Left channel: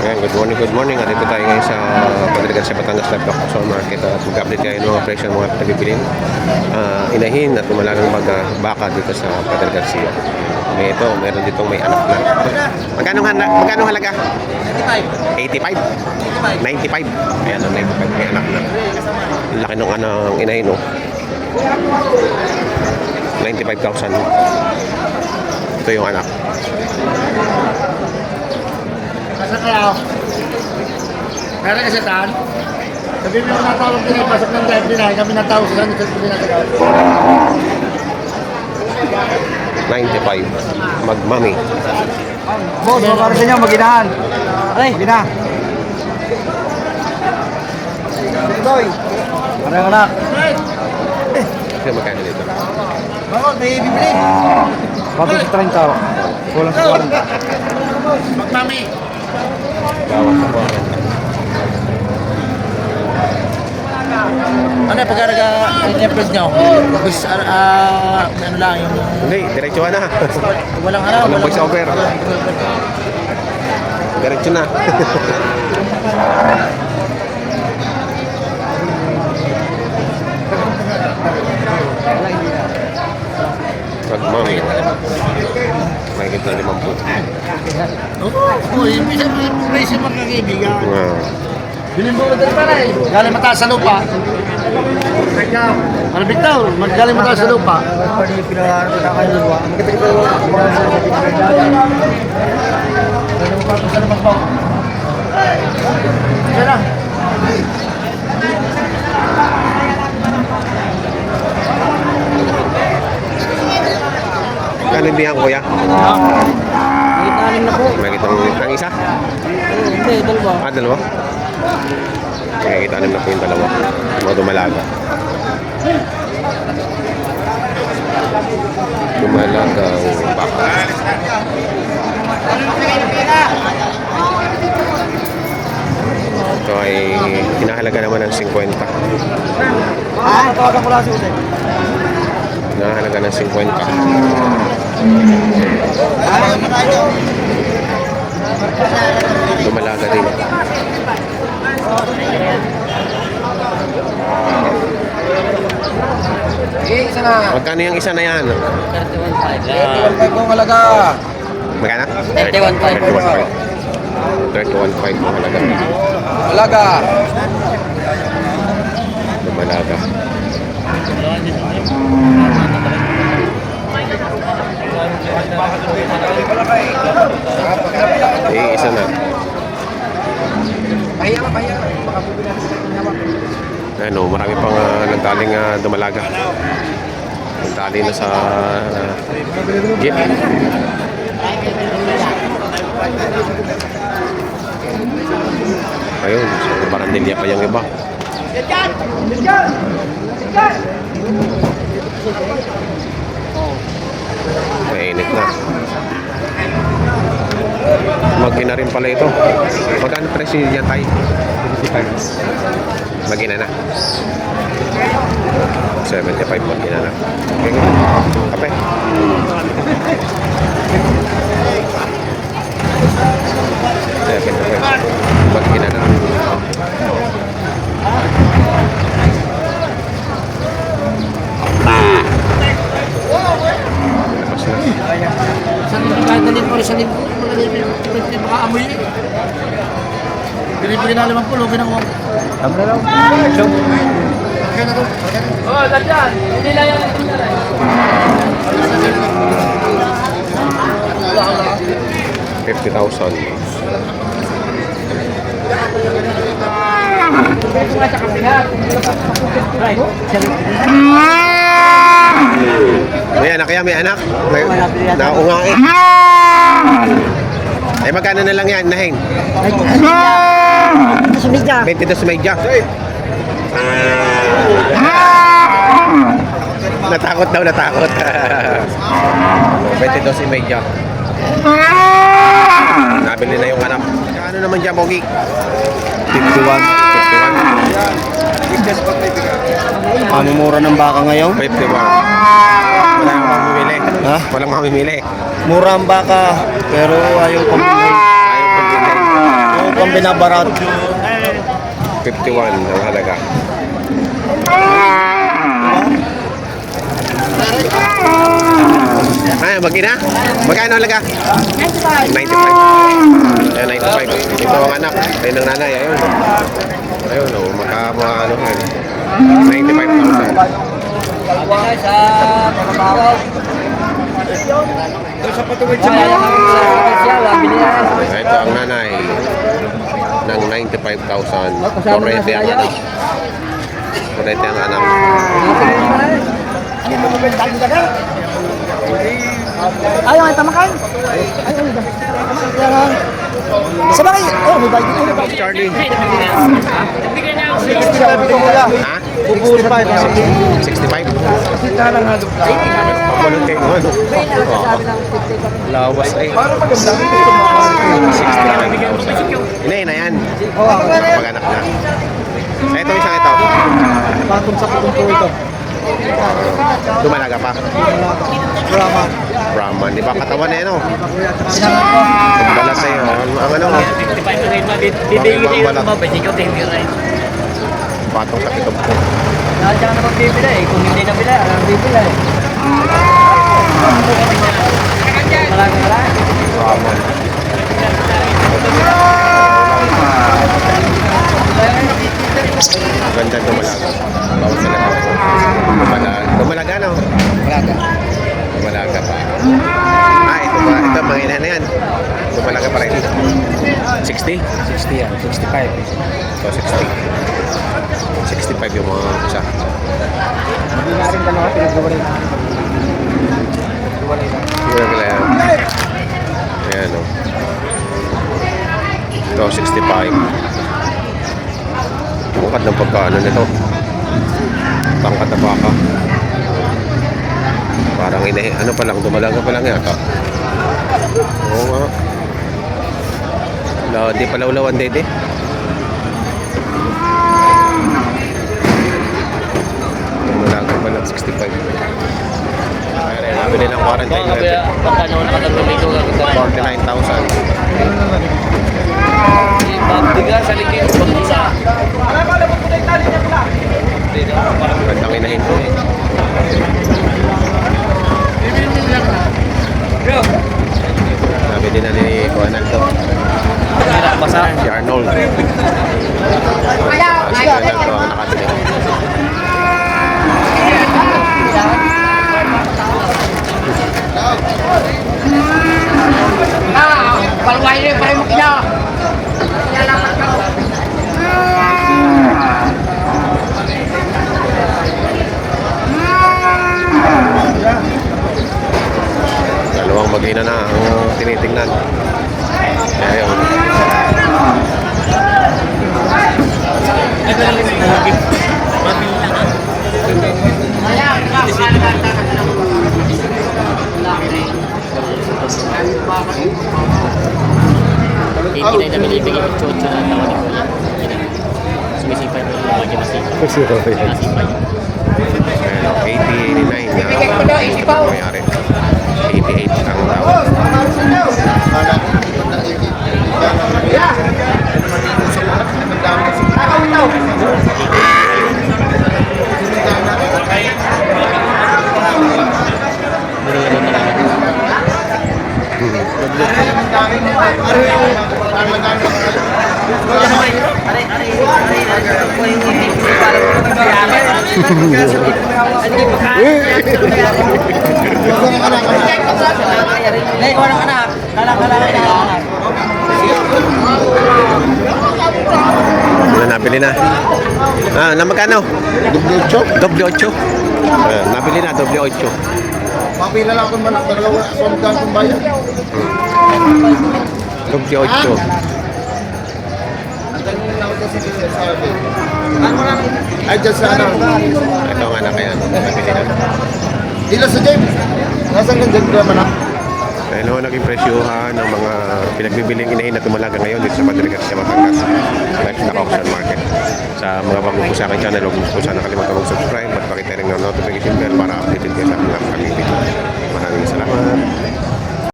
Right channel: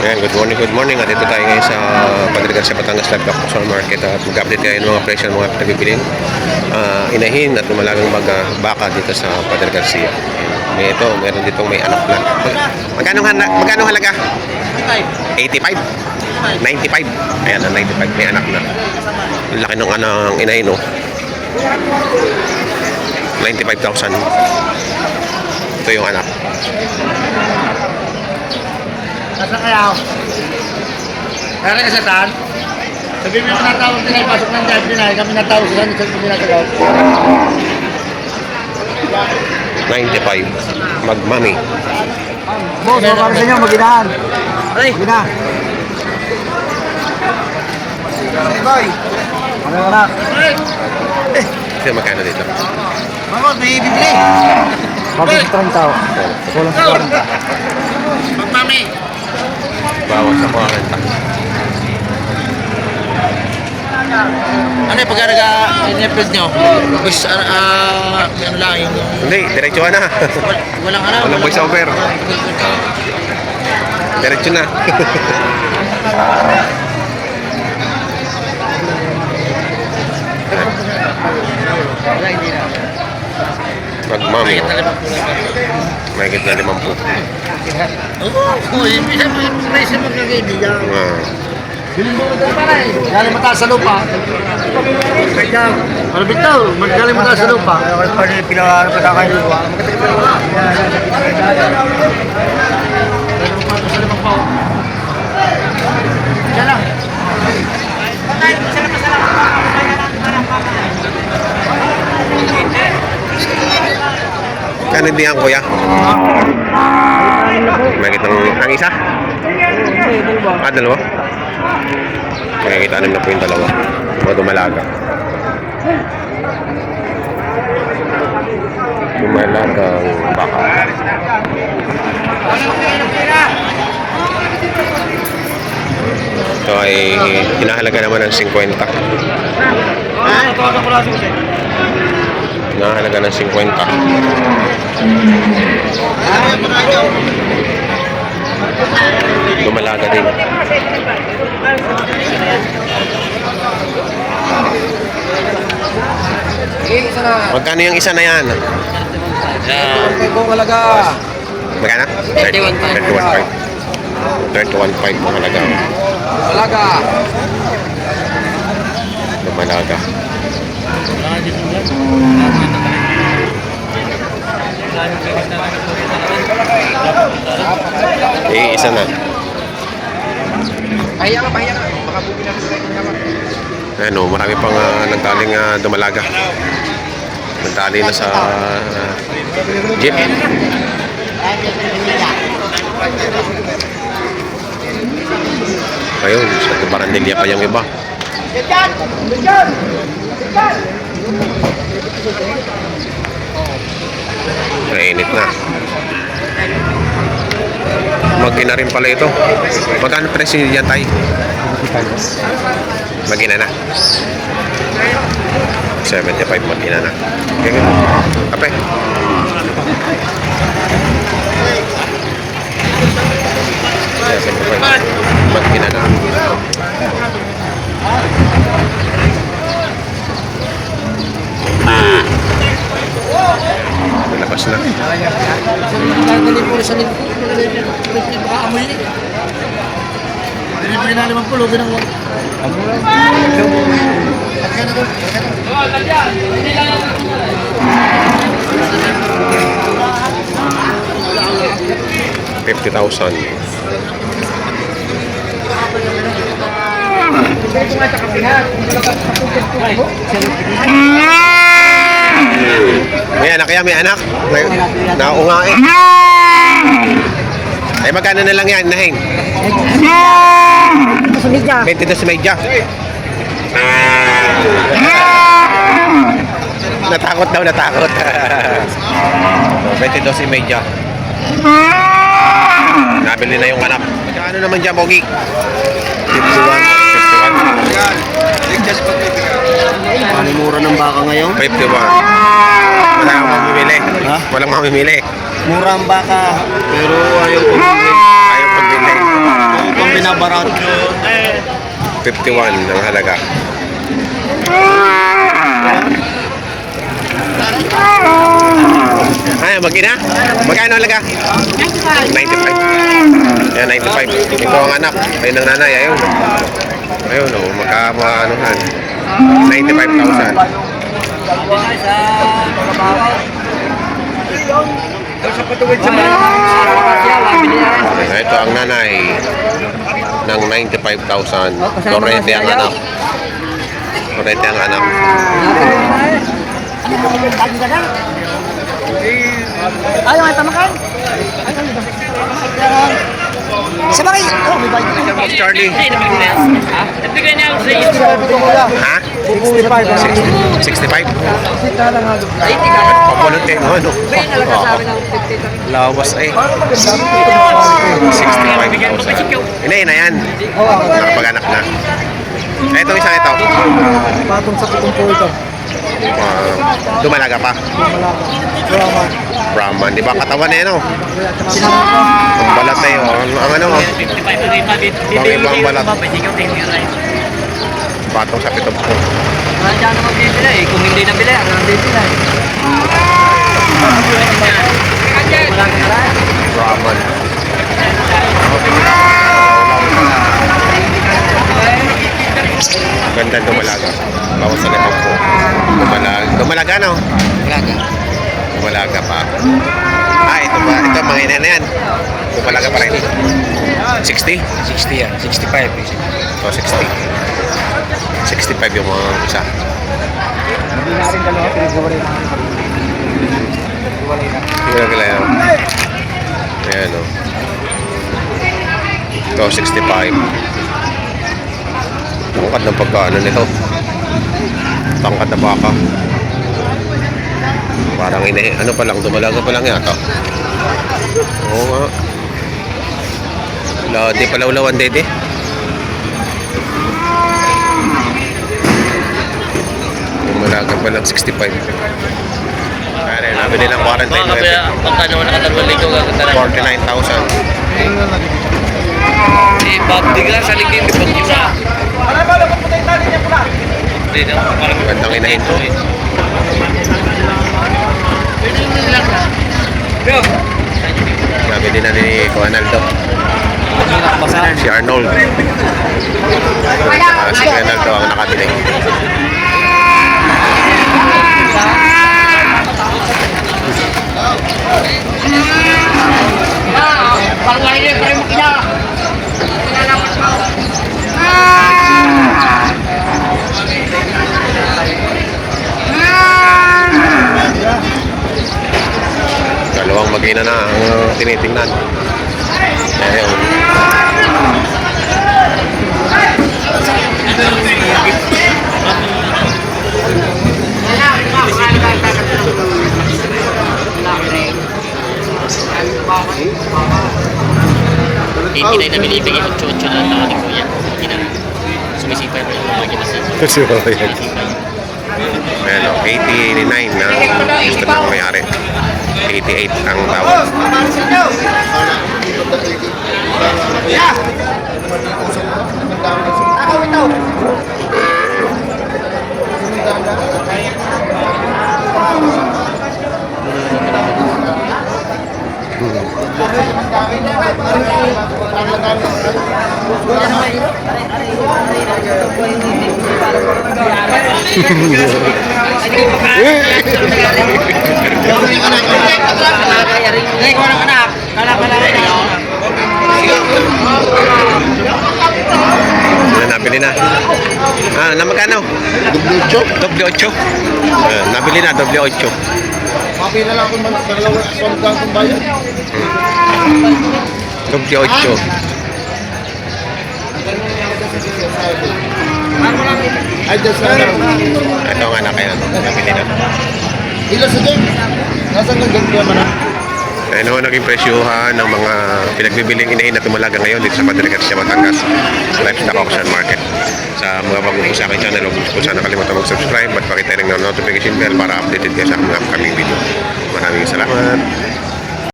Ayan, good morning. At dito tayo ngayon sa Padre Garcia, Batangas Livestock Market at mag-update tayo ng mga presyo ng mga pinagbibiling inahin at lumalagang baka dito sa Padre Garcia. Ayan. Ito, meron ditong may anak na. Magkano halaga? 85? 95? Ayan, 95 may anak na. Ang laki ng anang inahin, no? 95,000. Ito yung anak. Nasa kaya? Kaya kasi saan? Sabihin mo natawag din ay pasok ng drive din ay kami natawag sa kanil sa pinatawag. 95. Magmami. Boss, para sa inyo, maginahan. Maginahan. Sige boy. Ano yung anak? Kasi magkano dito? Bakit may bibili? Bakit sa 30 tao? Kulang sa 40. Magmami. Bawas sa 40. Ano yung pagka nag-approve nyo? Bis, ano lang yung... Hindi, diretso na. Walang ano? Walang voice over. Diretso na. Magmami. Mahigit na 50. Oo, ibig sabihin magkakaibigan. Bilhin mo ito para eh. Galing mataas sa lupa. Ano bitaw? Magaling mataas sa lupa. Pwede pinakatakan nyo. Kano din yan, kuya? Anim na po. Mahigit ang isa? Hindi, dalawa. Dalawa? Mahigit 6 na po yung dalawa. Mga dumalaga. Dumalagang baka. Ito ay hinahalaga naman ng 50. Hinahalaga ng 50. Dumalaga din. Magkano yung isa na yan? Magkano? 31.5. 31.5 ang halaga. Talaga. Dumalaga. Isa na. Ano, marami pang nagtaling dumalaga. Nagtali na sa jeep. Ayun, sa Barandilla pa yung iba. Mainit na. Magina rin pala ito. Magkano presyo niyan tayo? Magina na. 75 magina na. Okay. Kape. Magina na. Labas na. Dali mo sa nito. Baka amoy eh. Dali na naman po. Lugin ang wag. Tama na lang. Job. Okay na doon. Oo, tatyan. Hindi lang yan. 50,000. May anak kaya, may anak. Naunga eh. Ay, magkano na lang yan, nahin? 22 medya. Natakot daw, natakot. 22 medya. Nabili na yung anak. Magkano naman dyan, Pogi? 51. Ano mura ng baka ngayon? 51. Wala kang mamimili. Ha? Walang mamimili. Mura ang baka, pero ayaw pambili. Ayaw pagbili. ang binabarat. 51 ang halaga. Ay, mag-ina? Magkano halaga? 95. Yan, 95. Ito ang anak. Ayun ang nanay. Ayun. Ayun, oh, magkamaanohan. 95,000. Sa patuwid sa mga Ito ang nanay ng 95,000. Torrente ang anak. Torrente ang anak. Ayaw ay tamakan. Sabay. Oh, may bike na. Charlie. Ha? 65? Pampulunte mo, ano? Oo. Lawas ay. 65,000. Ina na yan. Nakapag-anak na. Ito, isang ito. Patong sa kutumpo ito. Dumalaga pa. Brahman. Di ba katawan eh, no? Ang balat na yun. Ang ano? Ang ibang balat. Patong sa pitong po. Nandiyan naman bibila eh. Kung hindi nabila, ano nang bibila eh. Marami na lang. Brahman. Ganda dumalaga. Bawas sa lepang po. Dumalaga, no? Malaga. Dumalaga pa. Ah, ito ba? Ito, mga ina na yan. Dumalaga pa rin. 60? 60 yan. 65. So, 60. 65 yung mga isa. Hindi na rin dalawa. Pinagawa rin. Tingnan nila yan. Ayan, o. Ito, 65. Tangkad ng pagkaano nito. Tangkad na baka. Parang ano pa lang, dumalaga pa lang yata. Oo nga. Di palawlawan dede. Dumalaga pa lang, 65. Ayan, nabili ng quarantine. Pagkano nakatalwa lito gaganda na. 49,000. Babdiga sa ligid. Babdiga. Gandang inahin to. Nabili na ni Ronaldo. Si Arnold. Si Ronaldo ang nakabili. Palway niya para makina. Lalapat ka. Dalawang mag-ina na ang tinitingnan. Ayun. Hindi na binibigay yung chocho na tao ni Kuya. Sumisipay pa yung mga ginasa. So, yan. Ayan o, 89 na gusto na mayari. 88 ang bawat. Nabili na. Ah, na magkano? Doble 8. Nabili na, doble 8. Makila lang kung dalawa pamdang kung bayan. Doble 8. Ay, just na lang. Ito ang anak yan. Nabili na. Ila sa game. Nasaan ng gagawin mo na? Ano naging presyuhan ng mga pinagbibiling inahin na tumalaga ngayon dito sa Padre Garcia, Batangas Livestock Auction Market. Sa mga bago po sa aking channel, huwag po sana kalimutan mag-subscribe at pakita rin ng notification bell para updated kayo sa mga upcoming video. Maraming salamat.